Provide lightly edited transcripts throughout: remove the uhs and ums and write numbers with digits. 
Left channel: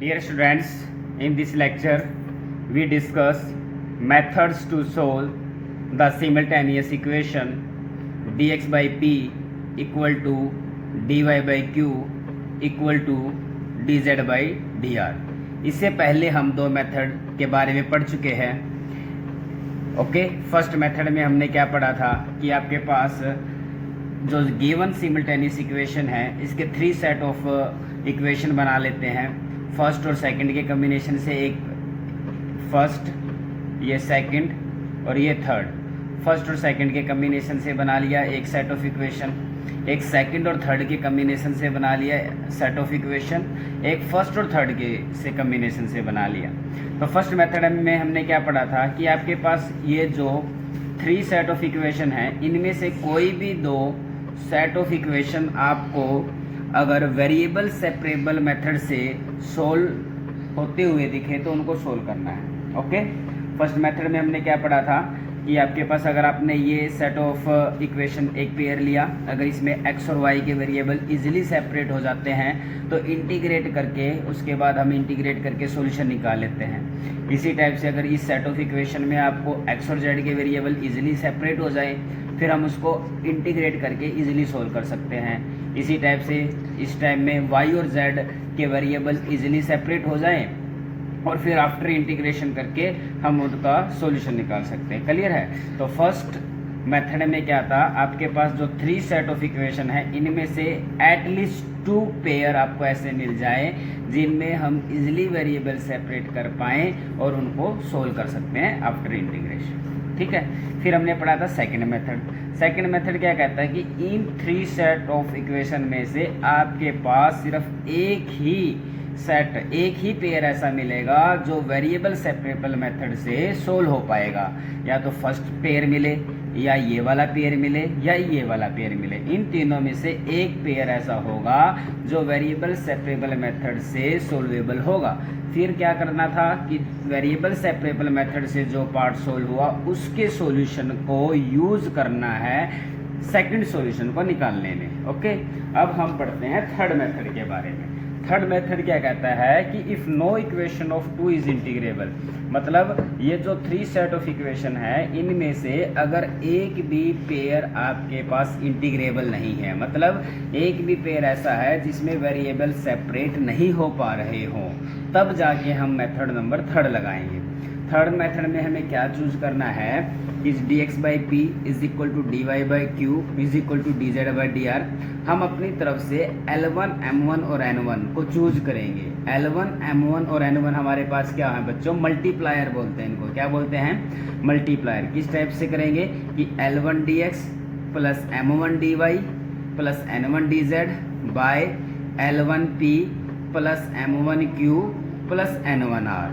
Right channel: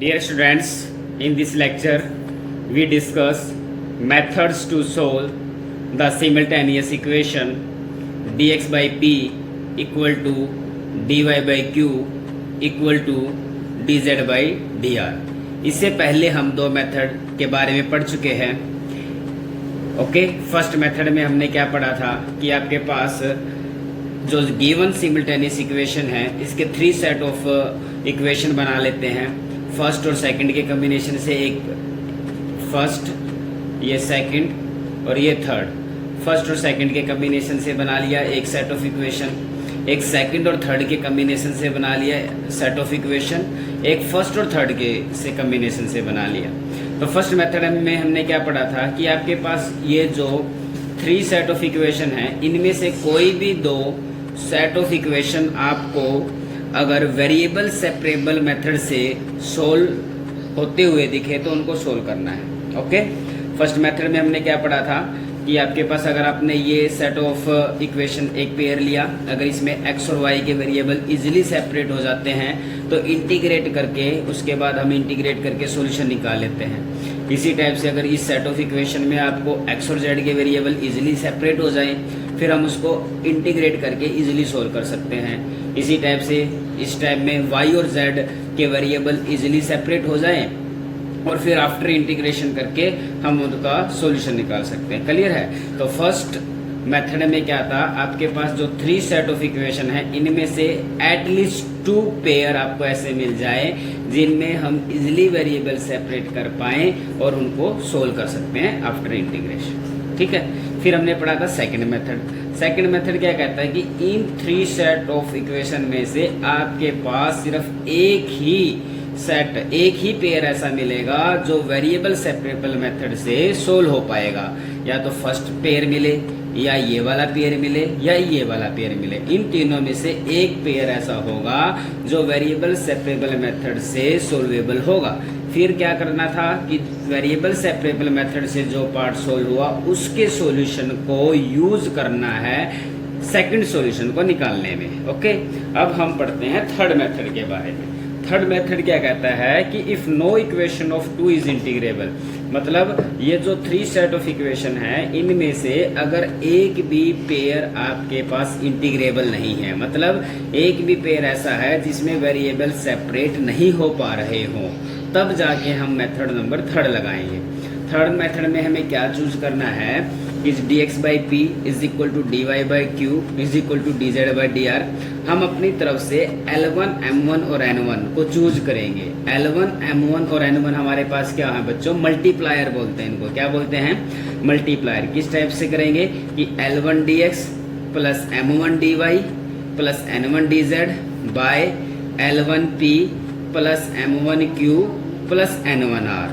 Dear students, in this lecture we discuss methods to solve the simultaneous equation dx by p equal to dy by q equal to dz by dr। इससे पहले हम दो method के बारे में पढ़ चुके हैं। ओके, फर्स्ट मेथड में हमने क्या पढ़ा था कि आपके पास जो गिवन सिमल्टेनियस इक्वेशन है इसके थ्री सेट ऑफ इक्वेशन बना लेते हैं। फर्स्ट और सेकंड के कॉम्बिनेशन से एक फर्स्ट, ये सेकंड और ये थर्ड। फर्स्ट और सेकंड के कॉम्बिनेशन से बना लिया एक सेट ऑफ इक्वेशन। एक सेकंड और थर्ड के कॉम्बिनेशन से बना लिया सेट ऑफ इक्वेशन। एक फर्स्ट और थर्ड के से कॉम्बिनेशन से बना लिया। तो फर्स्ट मेथड में हमने क्या पढ़ा था कि आपके पास ये जो थ्री सेट ऑफ इक्वेशन है इनमें से कोई भी दो सेट ऑफ इक्वेशन आपको अगर वेरिएबल सेपरेबल मेथड से सोल्व होते हुए दिखे तो उनको सोल्व करना है। ओके, फर्स्ट मेथड में हमने क्या पढ़ा था कि आपके पास अगर आपने ये सेट ऑफ इक्वेशन एक पेयर लिया, अगर इसमें x और y के वेरिएबल इजीली सेपरेट हो जाते हैं तो इंटीग्रेट करके उसके बाद हम इंटीग्रेट करके सॉल्यूशन निकाल लेते हैं। इसी टाइप से अगर इस सेट ऑफ इक्वेशन में आपको x और z के वेरिएबल इजीली सेपरेट हो जाए फिर हम उसको इंटीग्रेट करके इजीली सोल्व कर सकते हैं। इसी टाइप से इस टाइप में y और z के वेरिएबल इजीली सेपरेट हो जाएं और फिर आफ्टर इंटीग्रेशन करके हम उनका सॉल्यूशन निकाल सकते हैं। क्लियर है? तो फर्स्ट मेथड में क्या था, आपके पास जो थ्री सेट ऑफ इक्वेशन है इनमें से एटलीस्ट टू पेयर आपको ऐसे मिल जाए जिनमें हम इजीली वेरिएबल सेपरेट कर पाए और उनको सोल्व कर सकते हैं आफ्टर इंटीग्रेशन। ठीक है, फिर हमने पढ़ा था सेकंड मेथड। सेकंड मेथड क्या कहता है कि in three set of equation में से आपके पास सिर्फ एक ही पेयर ऐसा मिलेगा जो वेरिएबल सेपरेबल मेथड से सोल्व हो पाएगा। या तो फर्स्ट पेयर मिले या ये वाला पेयर मिले या ये वाला पेयर मिले, इन तीनों में से एक पेयर ऐसा होगा जो वेरिएबल सेपरेबल मेथड से सोल्वेबल होगा। फिर क्या करना था कि वेरिएबल सेपरेबल मेथड से जो पार्ट सोल्व हुआ उसके सॉल्यूशन को यूज करना है सेकंड सॉल्यूशन को निकालने में। ओके, अब हम पढ़ते हैं थर्ड मेथड के बारे में। थर्ड मेथड क्या कहता है कि if no equation of two is integrable, मतलब ये जो थ्री सेट ऑफ इक्वेशन है इनमें से अगर एक भी पेयर आपके पास इंटीग्रेबल नहीं है, मतलब एक भी पेयर ऐसा है जिसमें वेरिएबल सेपरेट नहीं हो पा रहे हो, तब जाके हम मेथड नंबर थर्ड लगाएंगे। थर्ड मेथड में हमें क्या चूज करना है कि dx by p is equal to dy by q is equal to dz by dr। हम अपनी तरफ से L1, M1 और N1 को चूज करेंगे। L1, M1 और N1 हमारे पास क्या है बच्चों? मल्टीप्लायर बोलते हैं इनको। क्या बोलते हैं? मल्टीप्लायर। किस टाइप से करेंगे कि L1 dx plus M1 dy plus N1 dz by L1 p plus M1 q plus N1 r।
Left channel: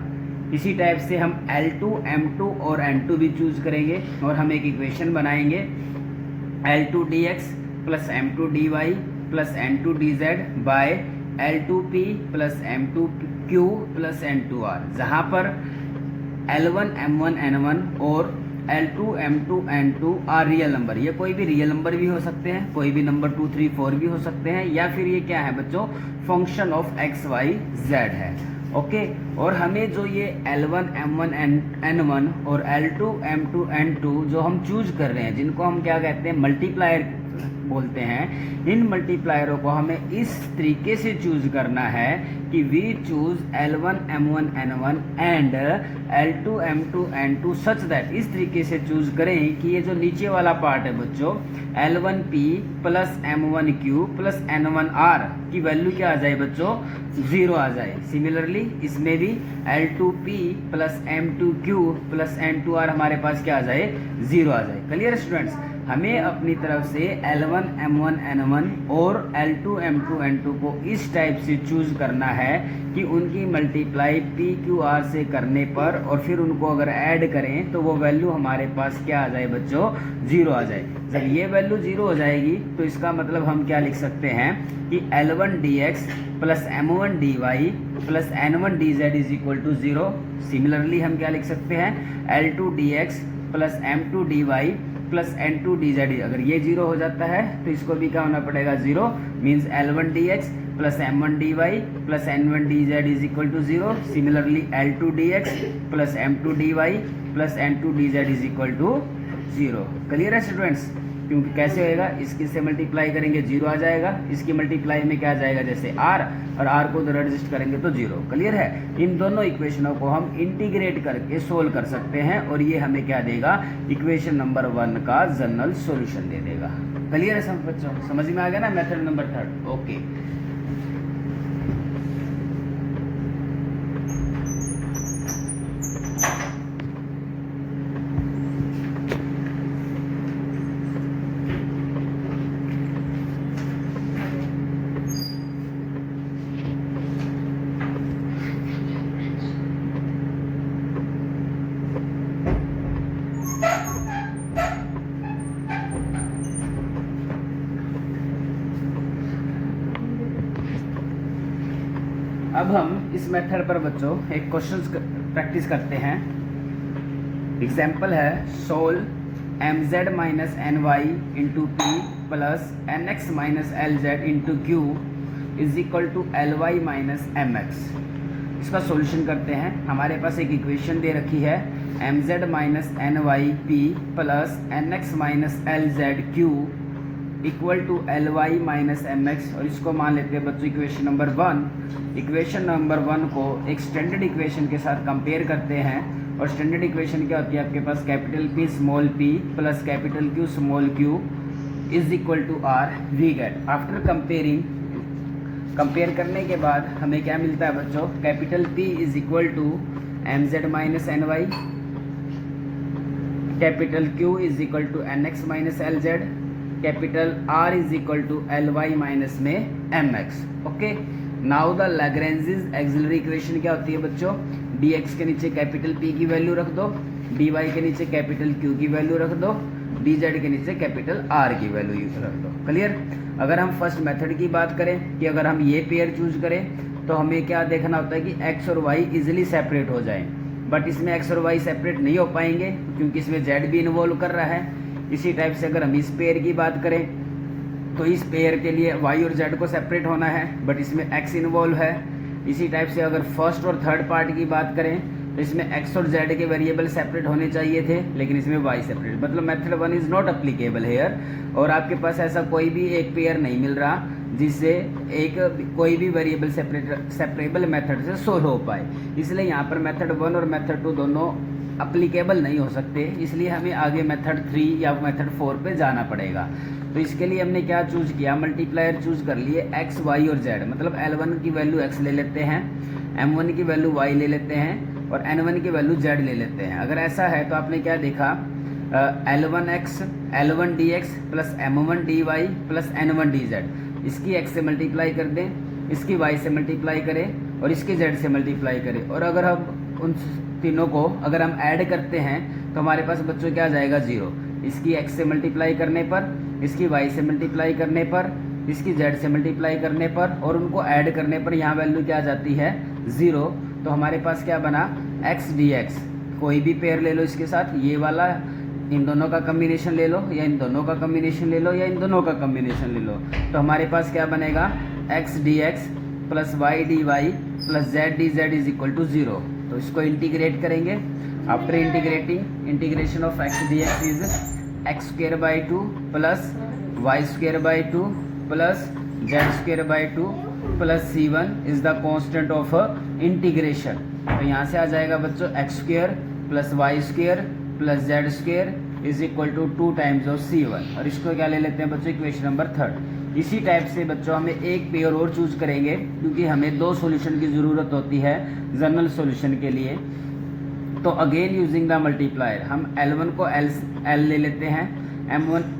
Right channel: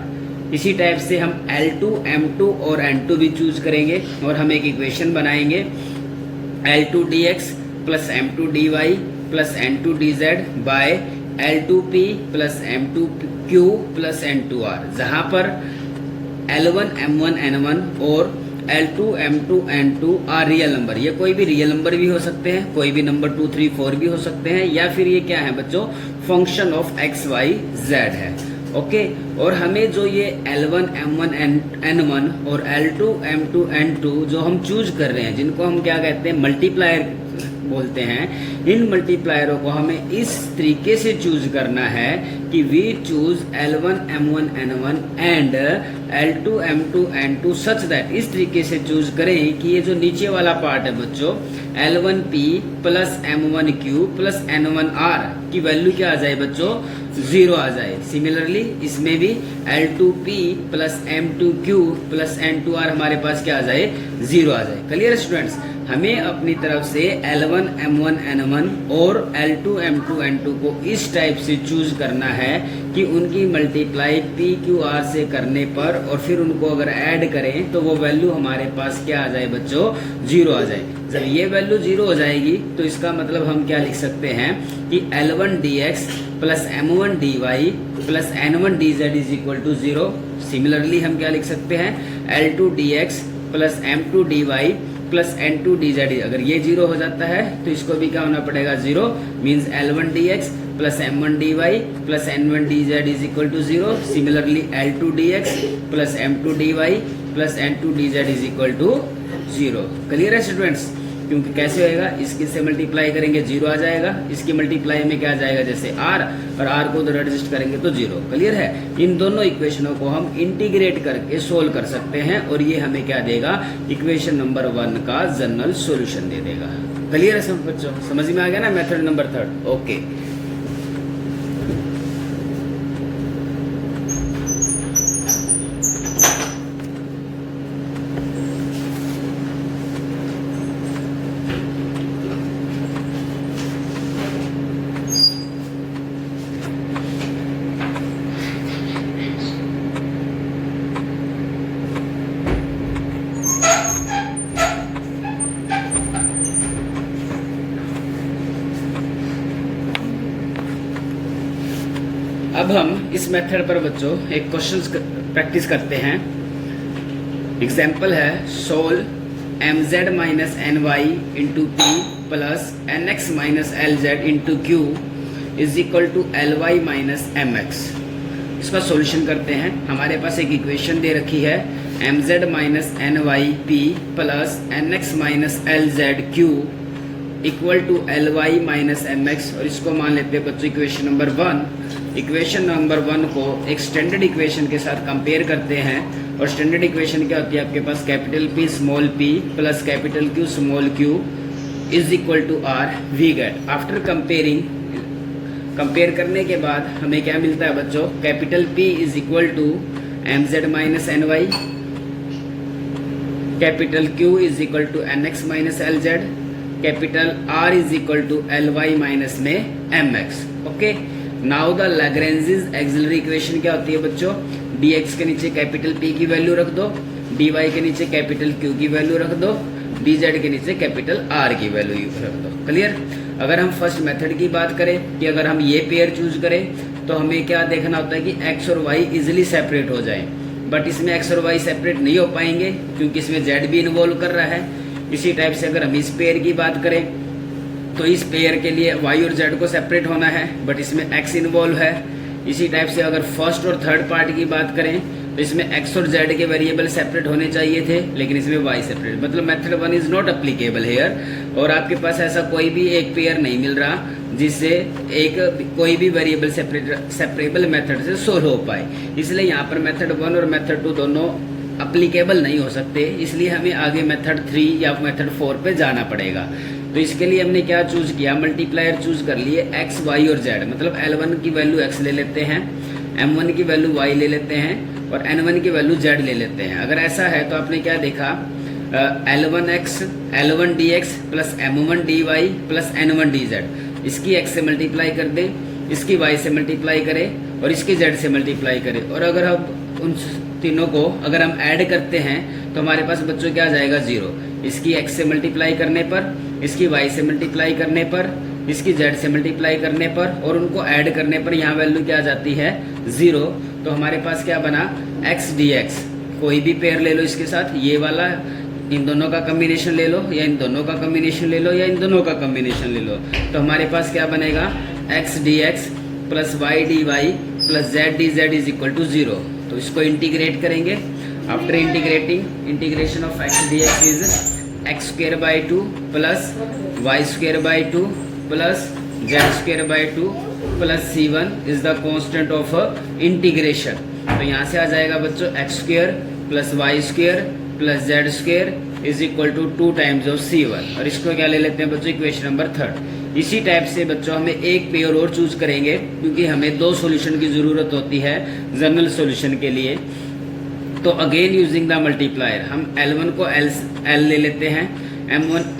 इसी टाइप से हम L2, M2 और N2 भी चूज करेंगे और हम एक इक्वेशन बनाएंगे L2 dx plus M2 dy plus N2 dz by L2p plus M2 q plus N2 r, जहां पर L1, M1, N1 और L2, M2, N2 are real number. ये कोई भी रियल नंबर भी हो सकते हैं, कोई भी नंबर 2, 3, 4 भी हो सकते हैं, या फिर ये क्या है बच्चों? Function of x, y, z है। ओके, और हमें जो ये L1, M1, N1 और L2, M2, N2 जो हम चूज कर रहे हैं, जिनको हम क्या कहते हैं? मल्टीप्लायर बोलते हैं। इन मल्टीप्लायरों को हमें इस तरीके से चूज करना है कि we choose L1, M1, N1 and L2, M2, N2 such that, इस तरीके से चूज करें कि ये जो नीचे वाला पार्ट है बच्चों L1p plus M1q plus N1r की वैल्यू क्या आ जाए बच्चों? 0 आ जाए। सिमिलरली इसमें भी L2p plus M2q plus N2r हमारे पास क्या आ जाए? 0 आ जाए। Clear students? हमें अपनी तरफ से L1, M1, N1 और L2, M2, N2 को इस टाइप से चूज करना है कि उनकी मल्टीप्लाई P, Q, R से करने पर और फिर उनको अगर ऐड करें तो वो वैल्यू हमारे पास क्या आ जाए बच्चों? 0 आ जाए। जब ये वैल्यू 0 हो जाएगी तो इसका मतलब हम क्या लिख सकते हैं कि L1 dx plus M1 dy plus N1 dz is equal to 0। Similarly हम क्या लिख सकते हैं? L2 dx plus M2 dy plus N2 dz। अगर ये 0 हो जाता है तो इसको भी क्या होना पड़ेगा? 0 means L1 dx plus m1 dy plus n1 dz is equal to 0। Similarly L2 dx plus m2 dy plus n2 dz is equal to 0। Clear है स्टूडेंट्स? क्योंकि कैसे होएगा, इसके से मल्टीप्लाई करेंगे 0 आ जाएगा, इसकी मल्टीप्लाई में क्या आ जाएगा, जैसे r और r को उधर एडजस्ट करेंगे तो 0। क्लियर है? इन दोनों इक्वेशनों को हम इंटीग्रेट करके सोल्व कर सकते हैं और ये हमें क्या देगा, इक्वेशन नंबर 1 का जनरल सॉल्यूशन दे देगा। क्लियर है सब बच्चों? समझ में आ गया ना मेथड नंबर 3? ओके। अब हम इस मेथड पर बच्चों एक क्वेश्चन प्रैक्टिस करते हैं। एग्जाम्पल है solve mz minus N Y into P plus N X minus L Z into Q is equal to L Y minus M X. इसका सॉल्यूशन करते हैं। हमारे पास एक इक्वेशन दे रखी है mz minus N Y P plus N X minus L Z Q equal to L Y minus M X, और इसको मान लेते हैं बच्चों इक्वेशन नंबर 1। इक्वेशन नंबर 1 को एक स्टैंडर्ड इक्वेशन के साथ कंपेयर करते हैं, और स्टैंडर्ड इक्वेशन क्या होती है आपके पास, capital P small p plus capital Q small q is equal to r। We get after compare करने के बाद हमें क्या मिलता है बच्चों, capital P is equal to mz minus N Y, capital Q is equal to N X minus L Z, capital R is equal to L Y minus में M X. Okay, now the Lagrange's auxiliary equation क्या होती है बच्चों, dx के नीचे capital P की value रख दो, dy के नीचे कैपिटल Q की वैल्यू रख दो, dz के नीचे कैपिटल R की वैल्यू रख दो। क्लियर? अगर हम फर्स्ट मेथड की बात करें कि अगर हम ये पेयर चूज करें तो हमें क्या देखना होता है कि x और y इजिली सेपरेट हो जाए, बट इसमें x और y सेपरेट नहीं हो पाएंगे क्योंकि इसमें z भी इन्वॉल्व कर रहा है। इसी टाइप से अगर हम इस पेयर की बात करें तो इस पेयर के लिए y और z को सेपरेट होना है, बट इसमें x इन्वॉल्व है। इसी टाइप से अगर फर्स्ट और थर्ड पार्ट की बात करें तो इसमें x और z के वेरिएबल सेपरेट होने चाहिए थे, लेकिन इसमें y सेपरेट, मतलब method 1 is not applicable here. और आपके पास ऐसा कोई भी एक पेयर नहीं मिल रहा जिससे एक कोई भी वेरिएबल सेपरेबल मेथड से सोल्व हो पाए, इसलिए यहाँ पर मेथड 1 और मेथड 2 दोनों अप्लीकेबल नहीं हो सकते। इसलिए हमें आगे मेथड 3 या मेथड 4 पे जाना पड़ेगा। तो इसके लिए हमने क्या चूज किया, मल्टीप्लायर चूज कर लिए x, y और z, मतलब L1 की वैल्यू x ले लेते हैं, M1 की वैल्यू y ले लेते हैं और N1 की वैल्यू z ले लेते हैं। अगर ऐसा है तो आपने क्या देखा, L1x L1 dx plus M1 dy plus N1 dz, इसकी x से मल्टीप्लाई कर दें, इसकी y से मल्टीप्लाई करें और इसकी z से मल्टीप्लाई करें, और अगर हम उन तीनों को अगर हम ऐड करते हैं तो हमारे पास बच्चों क्या आ जाएगा 0। इसकी x से मल्टीप्लाई करने पर, इसकी y से मल्टीप्लाई करने पर, इसकी z से मल्टीप्लाई करने पर और उनको ऐड करने पर यहाँ वैल्यू क्या आ जाती है 0। तो हमारे पास क्या बना, x dx, कोई भी पेयर ले लो इसके साथ, ये वाला इन दोनों का कॉम्बिनेशन ले लो या इन दोनों का कॉम्बिनेशन ले लो या इन दोनों का कॉम्बिनेशन ले लो, तो हमारे पास क्या बनेगा x dx plus y dy plus z dz is equal to 0। तो इसको इंटीग्रेट करेंगे। After integrating, integration of x dx is x square by 2 plus y square by 2 plus z square by 2 plus c1 is the constant of integration. तो यहाँ से आ जाएगा बच्चों x square plus y square plus z square is equal to 2 times of c1, और इसको क्या ले लेते हैं बच्चों, इक्वेशन नंबर 3। इसी टाइप से बच्चों हमें एक पेयर और चूज करेंगे क्योंकि हमें 2 सॉल्यूशन की ज़रूरत होती है जनरल सॉल्यूशन के लिए। तो अगेन यूजिंग द मल्टीप्लायर हम L1 को L ले लेते हैं,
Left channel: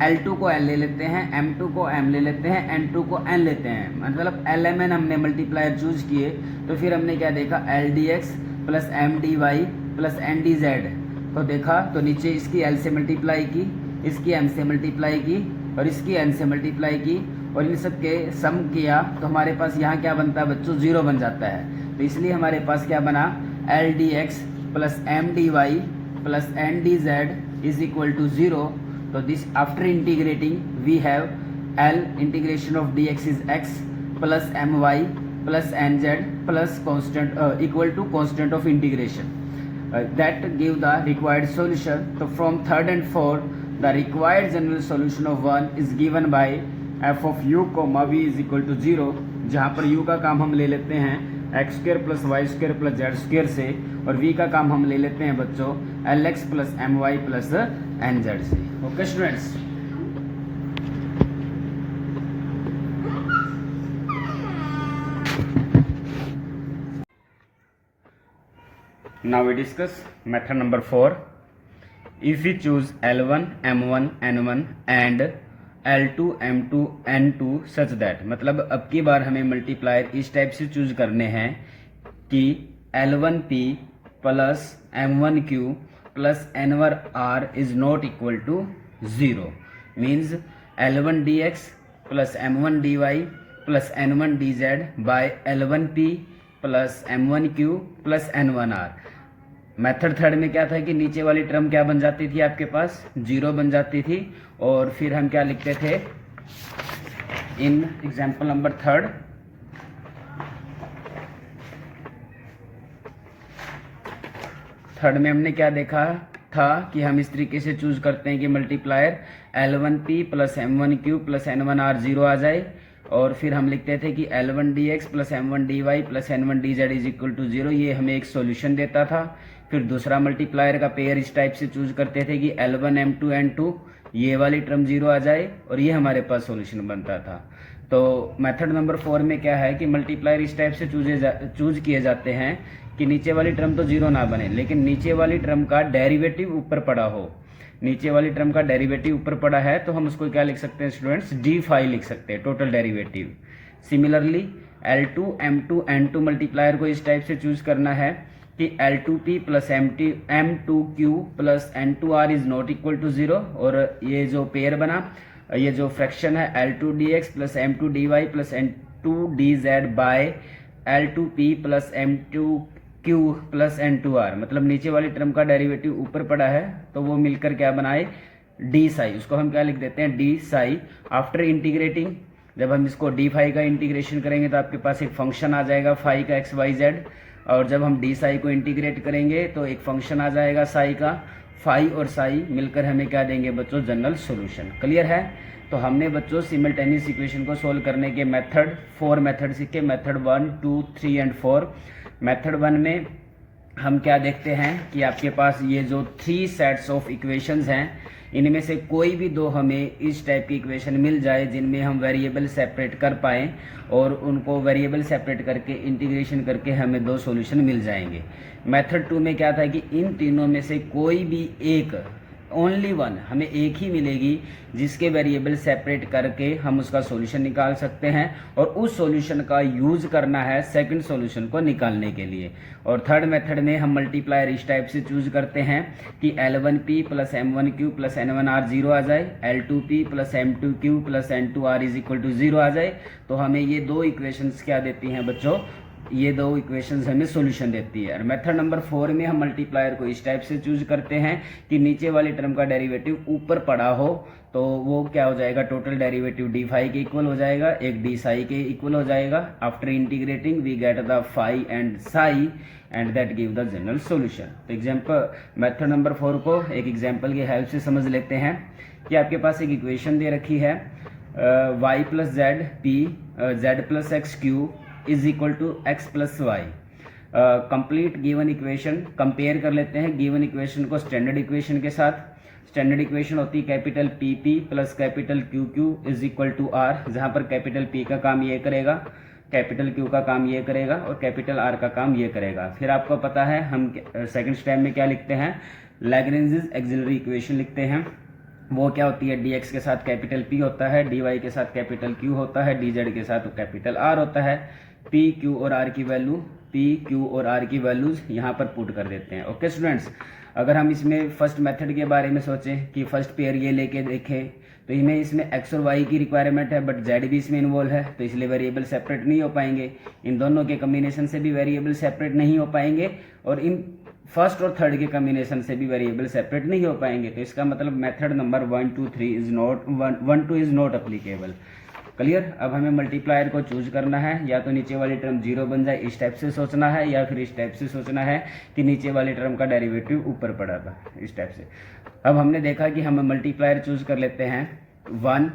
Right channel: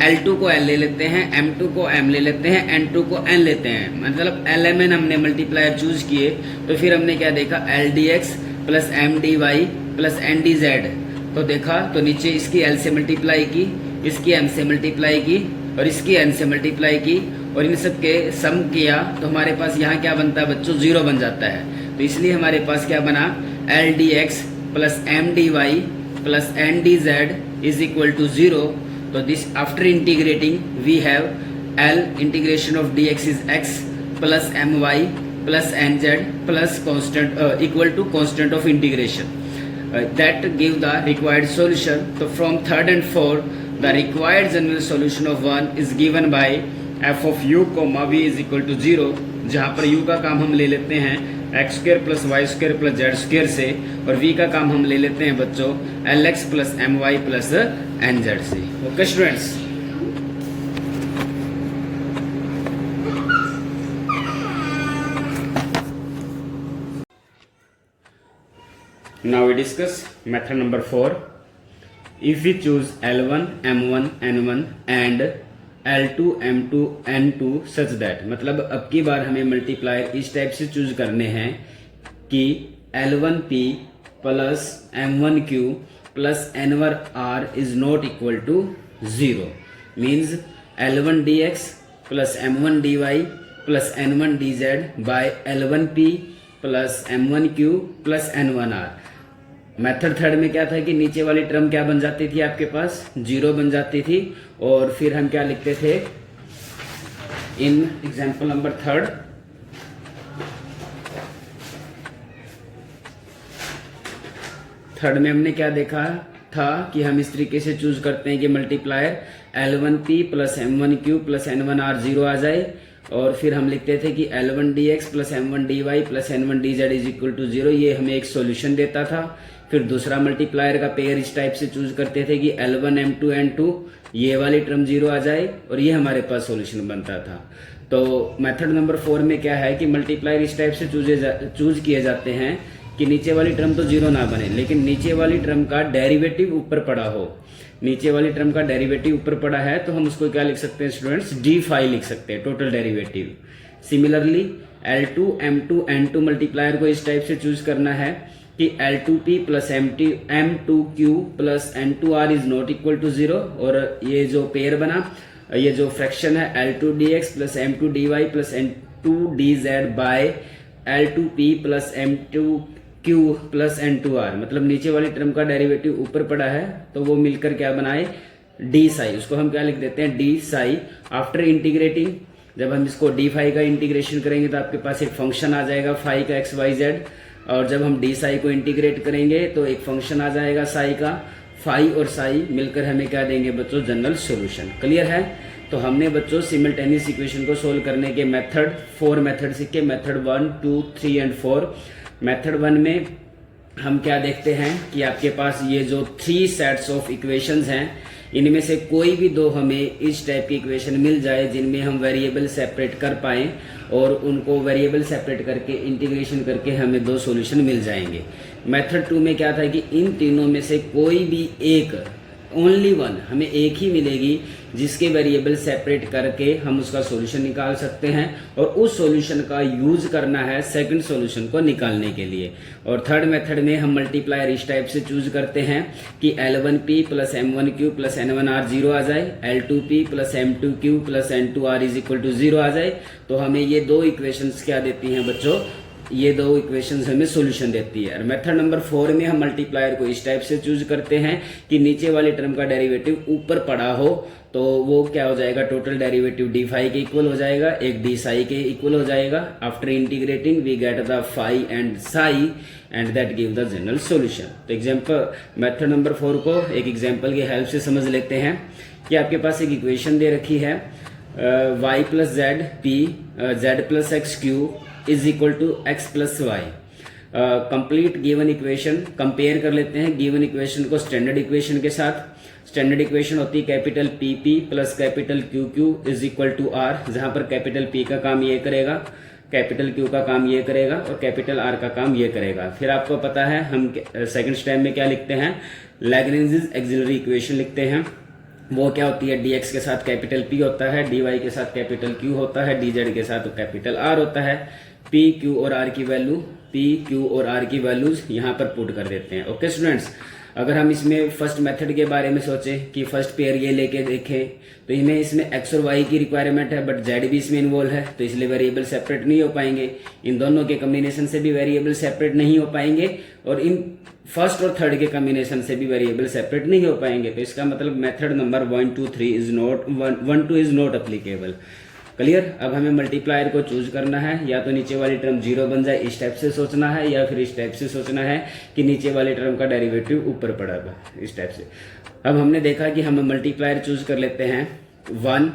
L2 को L ले लेते हैं, M2 को M ले लेते हैं, N2 को N लेते हैं, मतलब LMN हमने मल्टीप्लायर चूज किए। तो फिर हमने क्या देखा, LDX plus MDY plus NDZ, तो देखा तो नीचे इसकी L से मल्टीप्लाई की, इसकी M से मल्टीप्लाई की और इसकी N से मल्टीप्लाई की और इन सब के सम किया तो हमारे पास यहाँ क्या बनता है बच्चों, 0 बन जाता है। तो इसलिए हमारे पास क्या बना, LDX plus MDY plus NDZ is equal to 0। तो this after integrating we have L integration of dx is x, plus M Y plus N Z plus constant equal to constant of integration that give the required solution. So from third and fourth, the required general solution of 1 is given by f of u comma v is equal to 0, जहाँ पर u का काम हम ले लेते हैं X square plus Y square plus Z square से, और v का काम हम ले लेते हैं बच्चों L X plus M Y plus N Z से. Okay students, now we discuss method number 4. If we choose L1 M1 N1 and L2 M2 N2 such that, मतलब अब की बार हमें मल्टीप्लायर इस टाइप से चूज करने हैं कि L1P plus M1Q plus N1R is not equal to 0, means L1DX plus M1DY plus N1DZ by L1P plus M1Q plus N1R. Method third में क्या था कि नीचे वाली टर्म क्या बन जाती थी, आपके पास 0 बन जाती थी, और फिर हम क्या लिखते थे इन एग्जाम्पल नंबर थर्ड में हमने क्या देखा था कि हम इस तरीके से चूज करते हैं कि multiplier L1P plus M1Q plus N1R 0 आ जाए, और फिर हम लिखते थे कि L1DX plus M1DY plus N1DZ is equal to 0, ये हमें एक सॉल्यूशन देता था. फिर दूसरा मल्टीप्लायर का पेयर इस टाइप से चूज करते थे कि L1 M2 N2 ये वाली टर्म 0 आ जाए, और ये हमारे पास सॉल्यूशन बनता था. तो मेथड नंबर 4 में क्या है कि मल्टीप्लायर इस टाइप से चूज किए जाते हैं कि नीचे वाली टर्म तो 0 ना बने, लेकिन नीचे वाली टर्म का डेरिवेटिव ऊपर पड़ा हो. नीचे वाली टर्म का डेरिवेटिव ऊपर पड़ा है तो हम उसको क्या लिख सकते हैं स्टूडेंट्स, d5 लिख सकते हैं, total derivative. Similarly L2 M2 N2 multiplier को इस टाइप से चूज करना है कि L2P plus M2Q plus N2R is not equal to 0, और ये जो पेयर बना, ये जो फ्रैक्शन है L2DX plus M2DY plus N2DZ by L2P plus M2Q plus N2R, मतलब नीचे वाली टर्म का डेरिवेटिव ऊपर पड़ा है तो वो मिलकर क्या बनाए डी साई, उसको हम क्या लिख देते हैं डी साई. आफ्टर इंटीग्रेटिंग, जब हम इसको d5 का इंटीग्रेशन करेंगे तो आपके पास एक फंक्शन आ जाएगा फाई का XYZ, और जब हम डी साई को इंटीग्रेट करेंगे तो एक फंक्शन आ जाएगा साई का. फाई और साई मिलकर हमें क्या देंगे बच्चों, जनरल सॉल्यूशन. क्लियर है? तो हमने बच्चों सिमल्टेनियस इक्वेशन को सोल्व करने के मेथड 4 मेथड सीखे, मेथड 1, 2, 3 एंड 4. मेथड 1 में हम क्या देखते हैं कि आपके पास ये जो 3 सेट्स ऑफ इक्वेशंस हैं, इनमें से कोई भी 2 हमें इस टाइप की इक्वेशन मिल जाए जिनमें हम वेरिएबल सेपरेट कर पाएं, और उनको वेरिएबल सेपरेट करके इंटीग्रेशन करके हमें 2 सॉल्यूशन मिल जाएंगे. मेथड 2 में क्या था कि इन तीनों में से कोई भी एक, ओनली वन, हमें एक ही मिलेगी जिसके वेरिएबल सेपरेट करके हम उसका सॉल्यूशन निकाल सकते हैं, और उस सॉल्यूशन का यूज करना है सेकंड सॉल्यूशन को निकालने के लिए. और थर्ड मेथड में हम मल्टीप्लायर इस टाइप से चूज करते हैं कि L1P plus M1Q plus N1R 0 आ जाए, L2P plus M2Q plus N2R is equal to 0 आ जाए. तो हमें ये 2 इक्वेशंस क्या देती हैं बच्चों, ये 2 इक्वेशंस हमें सॉल्यूशन देती है. और मेथड नंबर 4 में हम मल्टीप्लायर को इस टाइप से चूज करते हैं कि नीचे वाली टर्म का डेरिवेटिव ऊपर पड़ा हो, तो वो क्या हो जाएगा, टोटल डेरिवेटिव d5 के इक्वल हो जाएगा, एक d साई के इक्वल हो जाएगा. After integrating we get the phi and psi and that give the general solution. तो एग्जांपल मेथड नंबर 4 को एक एग्जांपल की हेल्प से समझ लेते हैं कि आपके पास एक इक्वेशन दे रखी है y plus Z P z plus X Q is equal to x plus Y. Complete given equation compare कर लेते हैं गिवन इक्वेशन को स्टैंडर्ड इक्वेशन के साथ. स्टैंडर्ड इक्वेशन होती है capital P P plus capital Q Q is equal to R, जहां पर कैपिटल पी का काम ये करेगा, कैपिटल क्यू का काम ये करेगा, और कैपिटल आर का काम ये करेगा. फिर आपको पता है हम सेकंड स्टेप में क्या लिखते हैं, लैग्रेंज एक्सिलरी इक्वेशन लिखते हैं. वो क्या होती है, dx के साथ कैपिटल P होता है, dy के साथ कैपिटल Q होता है, dz के साथ कैपिटल R होता है. P, Q और R की वैल्यू, P, Q और R की वैल्यूज यहाँ पर पुट कर देते हैं. ओके स्टूडेंट्स, अगर हम इसमें फर्स्ट मेथड के बारे में सोचें कि फर्स्ट पेयर ये लेके देखें, तो इसमें x और y की रिक्वायरमेंट है, बट z भी इसमें इन्वॉल्व है, तो इसलिए वेरिएबल सेपरेट नहीं हो पाएंगे. इन दोनों के कम्बिनेशन से भी वेरिएबल सेपरेट नहीं हो पाएंगे, और इन फर्स्ट और थर्ड के कम्बिनेशन से भी वेरिएबल सेपरेट नहीं हो पाएंगे. तो इसका मतलब method number 1, 2, 3 is not 1, 2 is not applicable. Clear. अब हमें मल्टीप्लायर को चूज करना है, या तो नीचे वाली टर्म 0 बन जाए इस टाइप से सोचना है, या फिर इस टाइप से सोचना है कि नीचे वाली टर्म का डेरिवेटिव ऊपर पड़ेगा इस टाइप से। अब हमने देखा कि हम मल्टीप्लायर चूज कर लेते हैं 1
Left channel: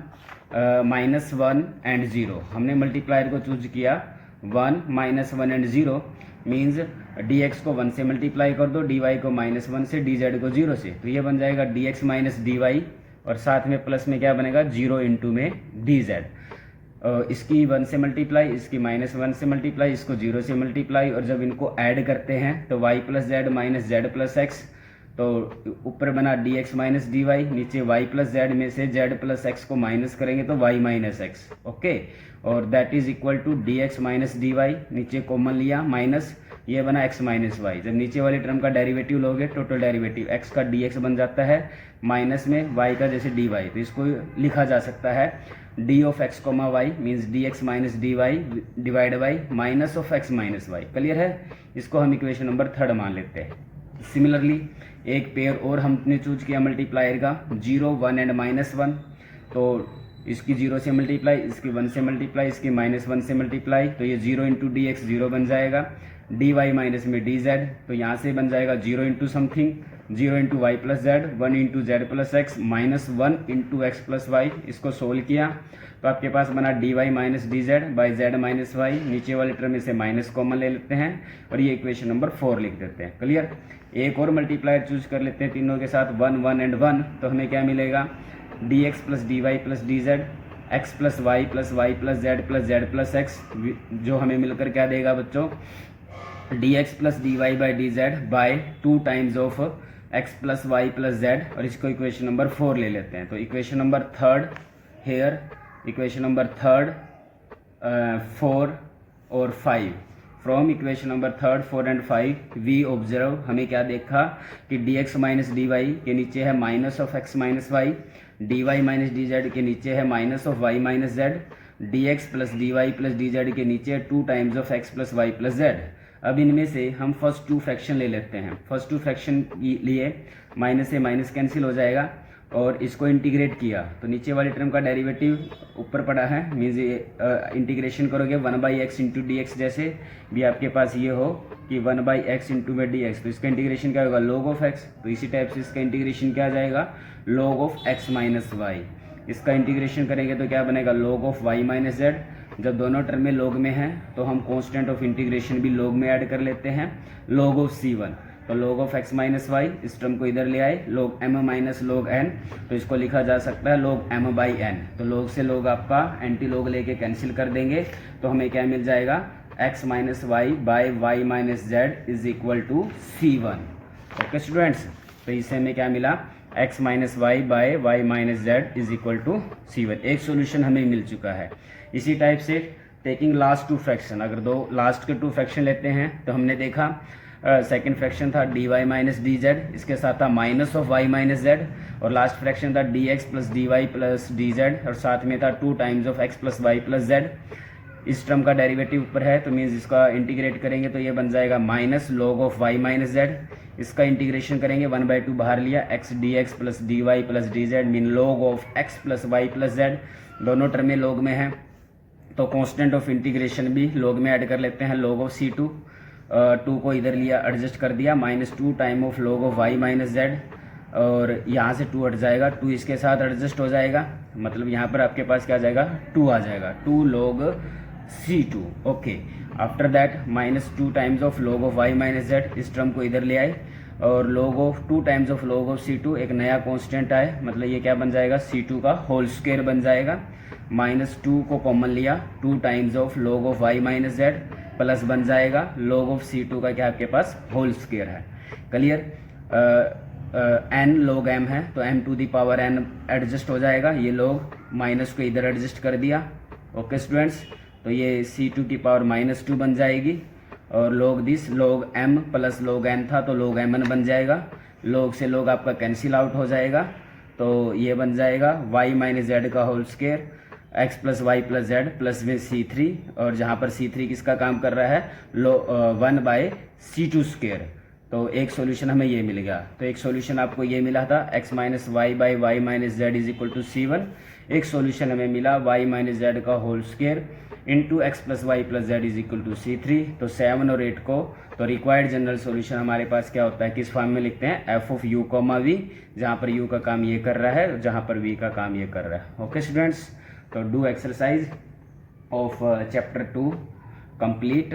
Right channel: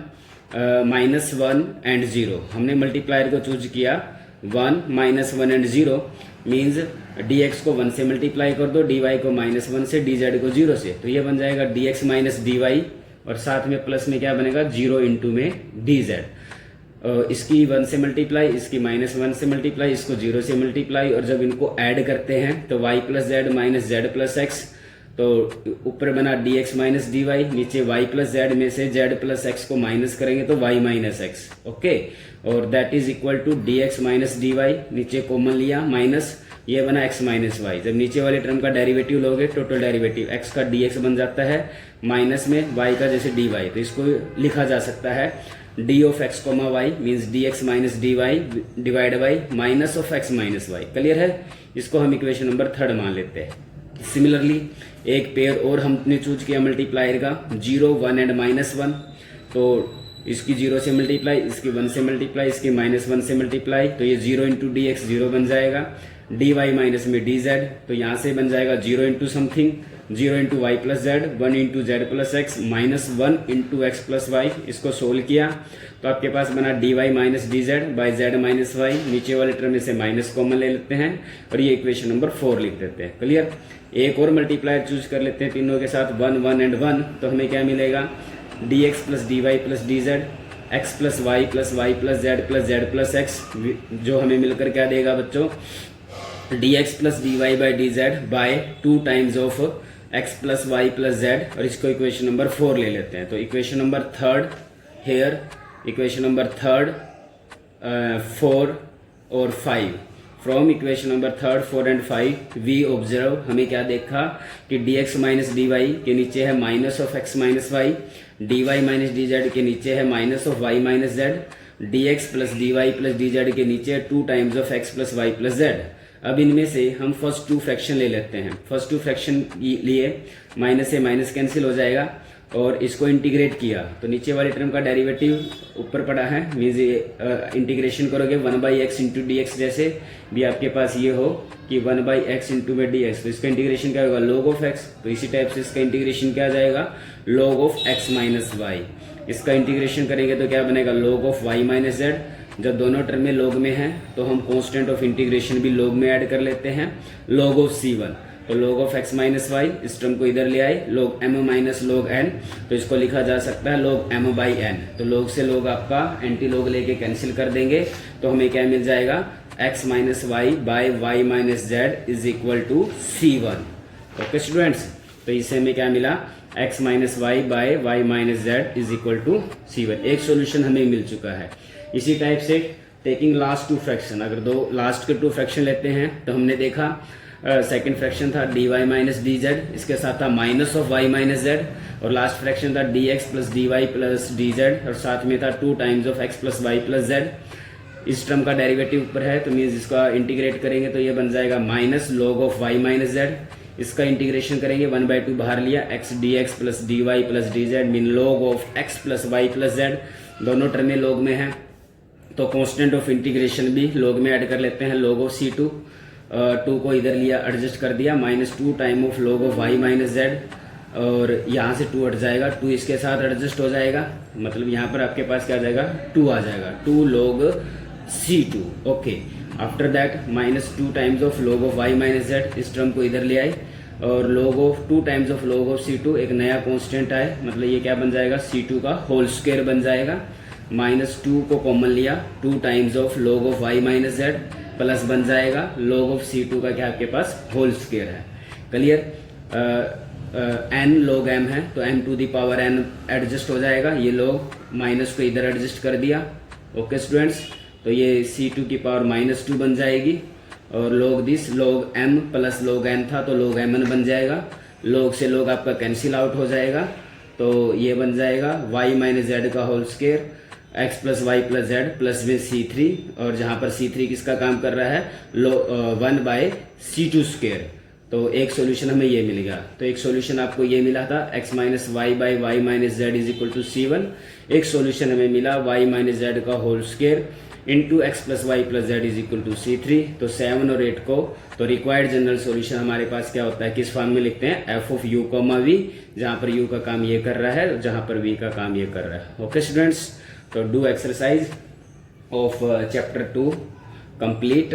-1 एंड 0। हमने मल्टीप्लायर को चूज किया 1 -1 एंड 0 मीन्स dx को 1 से मल्टीप्लाई कर दो, dy को -1 से, dz को 0 से, तो ये बन जाएगा dx माइनस dy, और साथ में प्लस में क्या बनेगा 0 इंटू में dz। इसकी 1 से मल्टीप्लाई, इसकी -1 से मल्टीप्लाई, इसको 0 से मल्टीप्लाई, और जब इनको ऐड करते हैं तो y plus Z minus Z plus X, तो ऊपर बना dx माइनस dy, नीचे y प्लस जेड में से z प्लस एक्स को माइनस करेंगे तो y माइनस एक्स, ओके। और that is equal to dx minus dy, नीचे कॉमन लिया माइनस, ये बना x माइनस वाई। जब नीचे वाले टर्म का डेरिवेटिव लोगे टोटल डेरिवेटिव x का dx बन जाता है माइनस में y का जैसे dy, तो इसको लिखा जा सकता है d of x comma Y means dx minus dy divide by minus of x minus Y. Clear है। इसको हम इक्वेशन नंबर 3 मान लेते हैं। सिमिलरली एक पेयर और हमने चूज किया मल्टीप्लायर का 0 1 एंड -1, तो इसकी 0 से मल्टीप्लाई, इसकी 1 से मल्टीप्लाई, इसकी -1 से मल्टीप्लाई, तो ये 0 इंटू डी एक्स 0 बन जाएगा, dy माइनस में dz, तो यहाँ से बन जाएगा 0 into something, 0 into Y plus Z, 1 into Z plus X, -1 into X plus Y. इसको सोल्व किया तो आपके पास बना dy minus dz by Z minus Y, नीचे वाले टर्म में से माइनस कॉमन ले लेते हैं और ये इक्वेशन नंबर 4 लिख देते हैं। क्लियर। एक और मल्टीप्लायर चूज कर लेते हैं तीनों के साथ 1 1 एंड 1, तो हमें क्या मिलेगा dx plus dy plus dz, x plus Y plus Z plus X, जो हमें मिलकर क्या देगा बच्चों dx plus dy by dz by 2 times of x plus Y plus Z, और इसको इक्वेशन नंबर 4 ले लेते हैं। तो equation number 3 here, equation number 3 4 और 5, from equation number 3 4 and 5 we observe, हमें क्या देखा कि dx माइनस dy के नीचे है minus of x minus Y, dy minus dz के नीचे है minus of y minus Z, dx plus dy plus dz के नीचे 2 times of x plus Y plus Z. अब इनमें से हम फर्स्ट 2 फ्रैक्शन ले लेते हैं। फर्स्ट 2 फ्रैक्शन लिए माइनस से माइनस कैंसिल हो जाएगा, और इसको इंटीग्रेट किया तो नीचे वाले टर्म का डेरिवेटिव ऊपर पड़ा है, मीन्स इंटीग्रेशन करोगे 1/x इंटू डी एक्स, जैसे भी आपके पास ये हो कि 1/x इंटू में डी एक्स, तो इसका इंटीग्रेशन क्या होगा log ऑफ x, तो इसी टाइप से इसका इंटीग्रेशन क्या आ जाएगा log of x minus Y. इसका इंटीग्रेशन करेंगे तो क्या बनेगा log of y minus Z. जब दोनों टर्म में log में है तो हम कांस्टेंट ऑफ इंटीग्रेशन भी log में ऐड कर लेते हैं, log ऑफ c1, तो log of x minus Y, इस टर्म को इधर ले आए log m minus log n, तो इसको लिखा जा सकता है log m बाई n। तो log से log आपका एंटी log लेके कैंसिल कर देंगे, तो हमें क्या मिल जाएगा x minus Y by Y minus Z is equal to c1। Okay students, तो इससे हमें क्या मिला x minus Y by Y minus Z is equal to c1। एक सोल्यूशन हमें मिल चुका है। इसी टाइप से टेकिंग लास्ट 2 फ्रैक्शन, अगर दो लास्ट के 2 फ्रैक्शन लेते हैं तो हमने देखा सेकंड फ्रैक्शन था dy माइनस dz, इसके साथ था minus of y minus z, और लास्ट फ्रैक्शन था dx plus dy plus dz, और साथ में था 2 times of x plus Y plus Z. इस टर्म का डेरिवेटिव ऊपर है तो मीन्स इसका इंटीग्रेट करेंगे तो ये बन जाएगा minus log of y minus Z. इसका इंटीग्रेशन करेंगे 1/2 बाहर लिया, x dx plus dy plus dz mean log of x plus Y plus Z. दोनों टर्में log में है तो कांस्टेंट ऑफ इंटीग्रेशन भी log में ऐड कर लेते हैं, log ऑफ c2, 2 को इधर लिया एडजस्ट कर दिया, -2 time of log of y minus Z, और यहाँ से 2 हट जाएगा, 2 इसके साथ एडजस्ट हो जाएगा, मतलब यहाँ पर आपके पास क्या आ जाएगा 2 आ जाएगा, 2 log c2। Okay, after that -2 times of log of y minus Z, इस टर्म को इधर ले आए, और log of 2 times of log of c2, एक नया कांस्टेंट आए, मतलब ये क्या बन जाएगा c2 का होल स्क्वायर बन जाएगा, -2 को कॉमन लिया, 2 times of log of y minus Z plus बन जाएगा log ऑफ c2 का क्या आपके पास होल स्क्वायर है। क्लियर। n log m है तो m to the power n adjust हो जाएगा, ये log माइनस को इधर एडजस्ट कर दिया। ओके स्टूडेंट्स, तो ये c2 की पावर -2 बन जाएगी, और log this log m plus log n था तो log mn बन जाएगा, log से log आपका कैंसिल आउट हो जाएगा, तो ये बन जाएगा y माइनस जेड का whole square, x plus Y plus Z plus में c3, और जहाँ पर c3 किसका काम कर रहा है 1/c2 स्क्वायर, तो एक सॉल्यूशन हमें ये मिल गया। तो एक सॉल्यूशन आपको ये मिला था x minus Y by Y minus Z is equal to C1। एक सॉल्यूशन हमें मिला y माइनस जेड का whole square into X plus Y plus Z is equal to C3। तो 7 और 8 को तो रिक्वायर्ड जनरल सॉल्यूशन हमारे पास क्या होता है, किस फॉर्म में लिखते हैं, F of U comma V, जहाँ पर यू का काम ये कर रहा है, जहाँ पर वी का काम ये कर रहा है। ओके स्टूडेंट्स, तो do exercise of chapter 2 complete.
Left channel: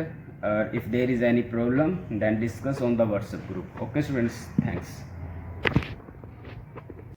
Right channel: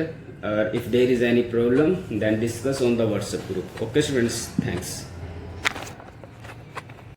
If there is any problem then discuss on the WhatsApp group. Okay students, thanks.